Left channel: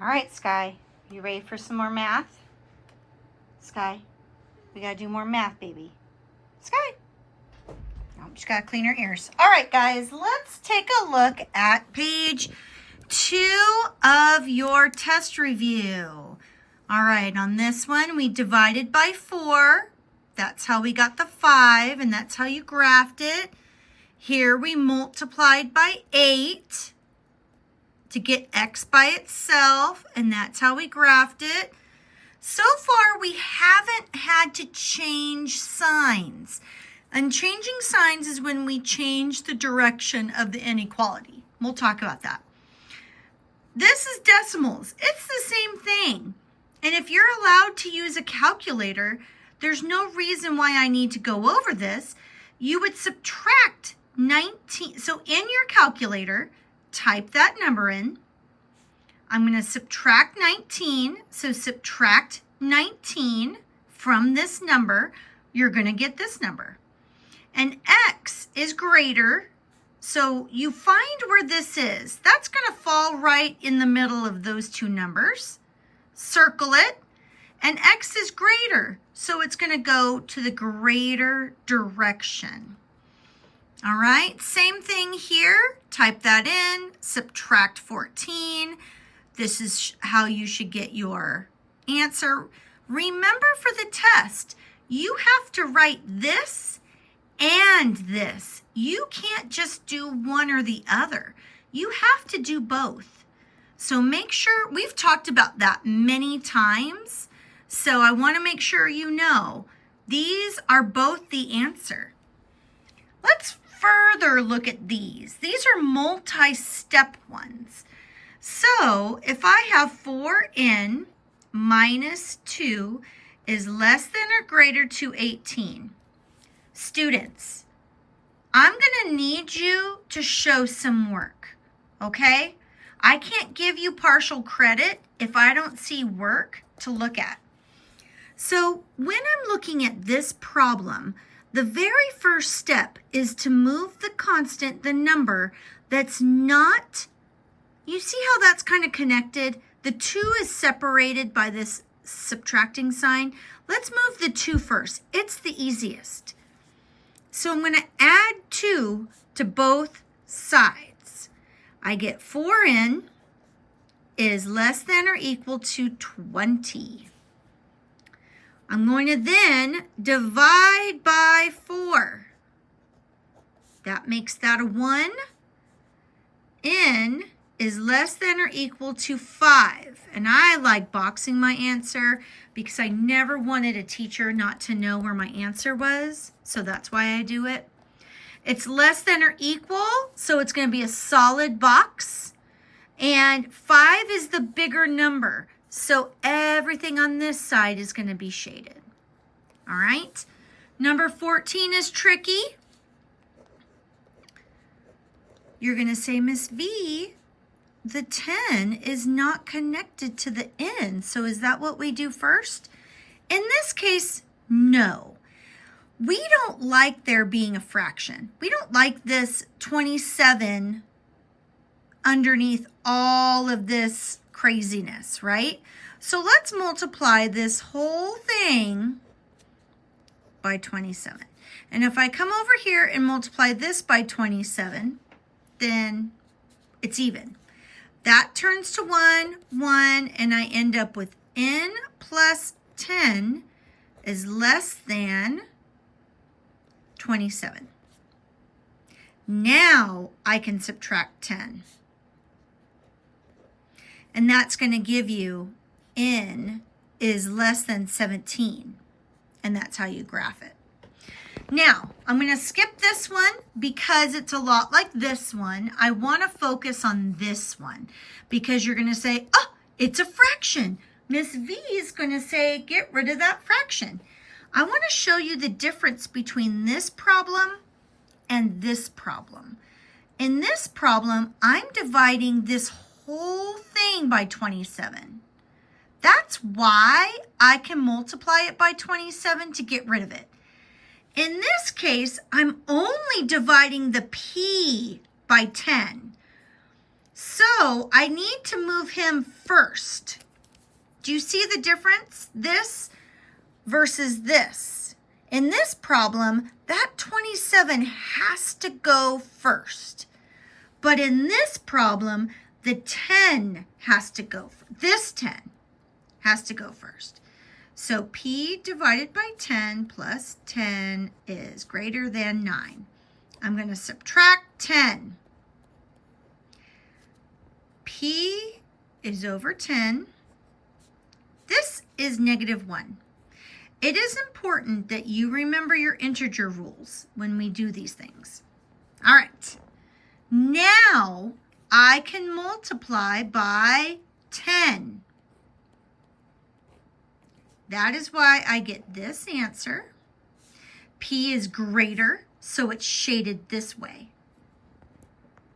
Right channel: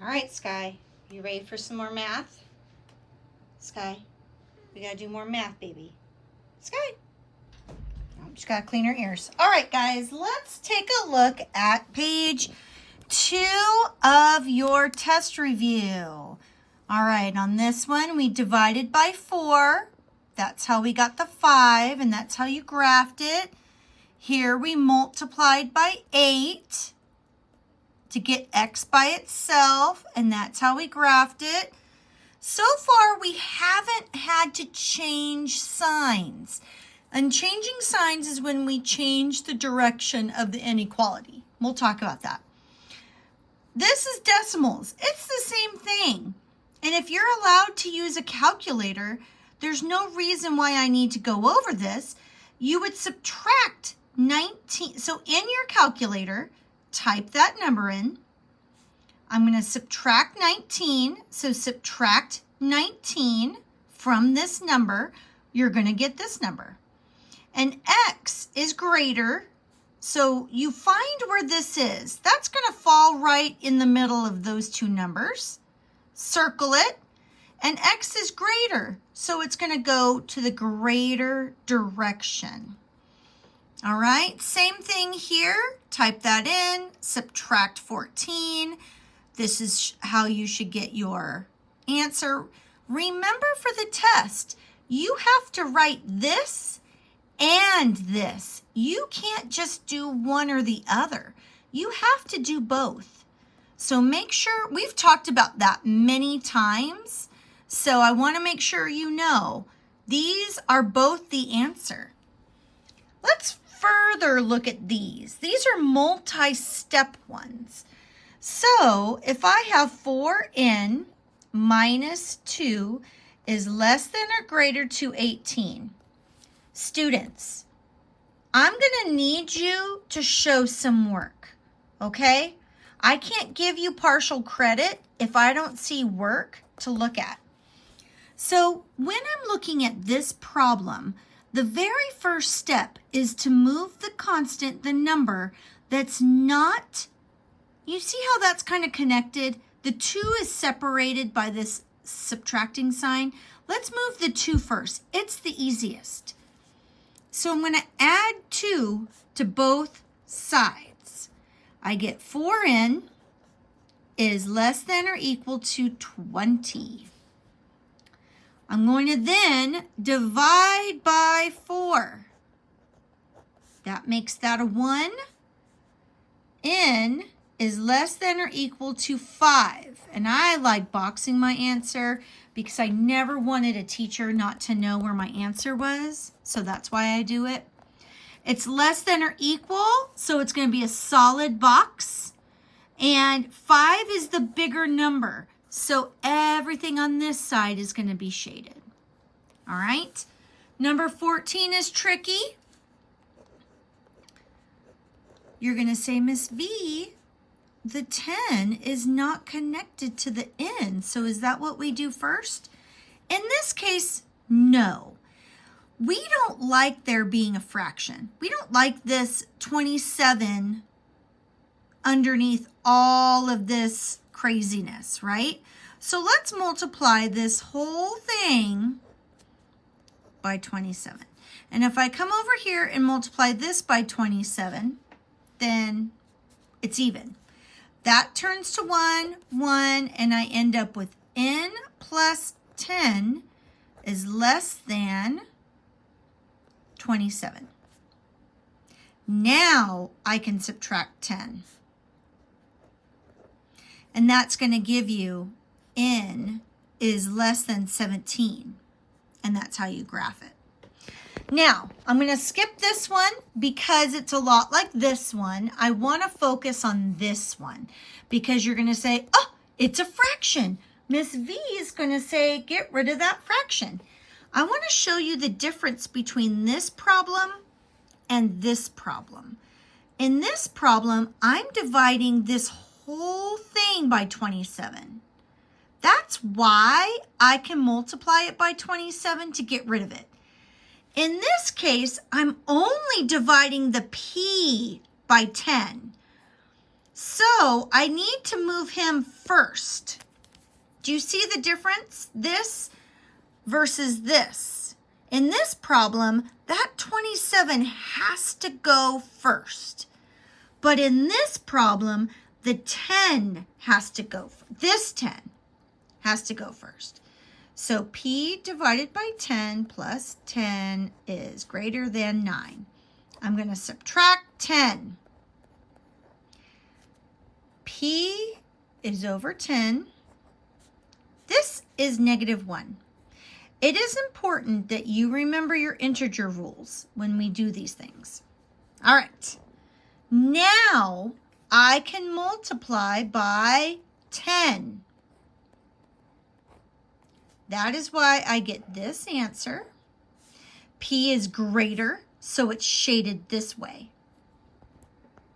All right, Sky, you ready for some more math? Sky, we gotta do more math, baby. Sky. Oh, just gotta clean her ears. All right, guys, let's take a look at page 2 of your test review. All right, on this one, we divided by 4. That's how we got the 5, and that's how you graphed it. Here we multiplied by 8 to get x by itself, and that's how we graphed it. So far, we haven't had to change signs. And changing signs is when we change the direction of the inequality. We'll talk about that. This is decimals. It's the same thing. And if you're allowed to use a calculator, there's no reason why I need to go over this. You would subtract 19. So in your calculator, type that number in. I'm going to subtract 19. So subtract 19 from this number. You're going to get this number. And x is greater. So you find where this is. That's going to fall right in the middle of those two numbers. Circle it. And x is greater. So it's going to go to the greater direction. All right, same thing here. Type that in, subtract 14. This is how you should get your answer. Remember for the test, you have to write this and this. You can't just do one or the other. You have to do both. So make sure, we've talked about that many times. So I want to make sure you know these are both the answer. Let's further look at these. These are multi-step ones. So if I have 4n minus 2 is less than or greater to 18. Students, I'm going to need you to show some work, okay? I can't give you partial credit if I don't see work to look at. So when I'm looking at this problem, the very first step is to move the constant, the number that's not, you see how that's kind of connected? The 2 is separated by this subtracting sign. Let's move the 2 first. It's the easiest. So I'm going to add 2 to both sides. I get 4n is less than or equal to 20. I'm going to then divide by 4. That makes that a 1. N is less than or equal to 5. And I like boxing my answer because I never wanted a teacher not to know where my answer was. So that's why I do it. It's less than or equal, so it's going to be a solid box. And 5 is the bigger number. So everything on this side is going to be shaded. All right. Number 14 is tricky. You're going to say, Miss V, the 10 is not connected to the n. So is that what we do first? In this case, no. We don't like there being a fraction. We don't like this 27 underneath all of this craziness, right? So let's multiply this whole thing by 27. And if I come over here and multiply this by 27, then it's even. That turns to 1, 1, and I end up with n plus 10 is less than 27. Now I can subtract 10. And that's going to give you n is less than 17. And that's how you graph it. Now, I'm going to skip this one because it's a lot like this one. I want to focus on this one because you're going to say, oh, it's a fraction. Miss V is going to say, get rid of that fraction. I want to show you the difference between this problem and this problem. In this problem, I'm dividing this whole thing by 27. That's why I can multiply it by 27 to get rid of it. In this case, I'm only dividing the p by 10. So I need to move him first. Do you see the difference? This versus this. In this problem, that 27 has to go first. But in this problem, the 10 has to go, this 10 has to go first. So P divided by 10 plus 10 is greater than 9. I'm going to subtract 10. P is over 10. This is -1. It is important that you remember your integer rules when we do these things. All right. Now I can multiply by 10. That is why I get this answer. P is greater, so it's shaded this way.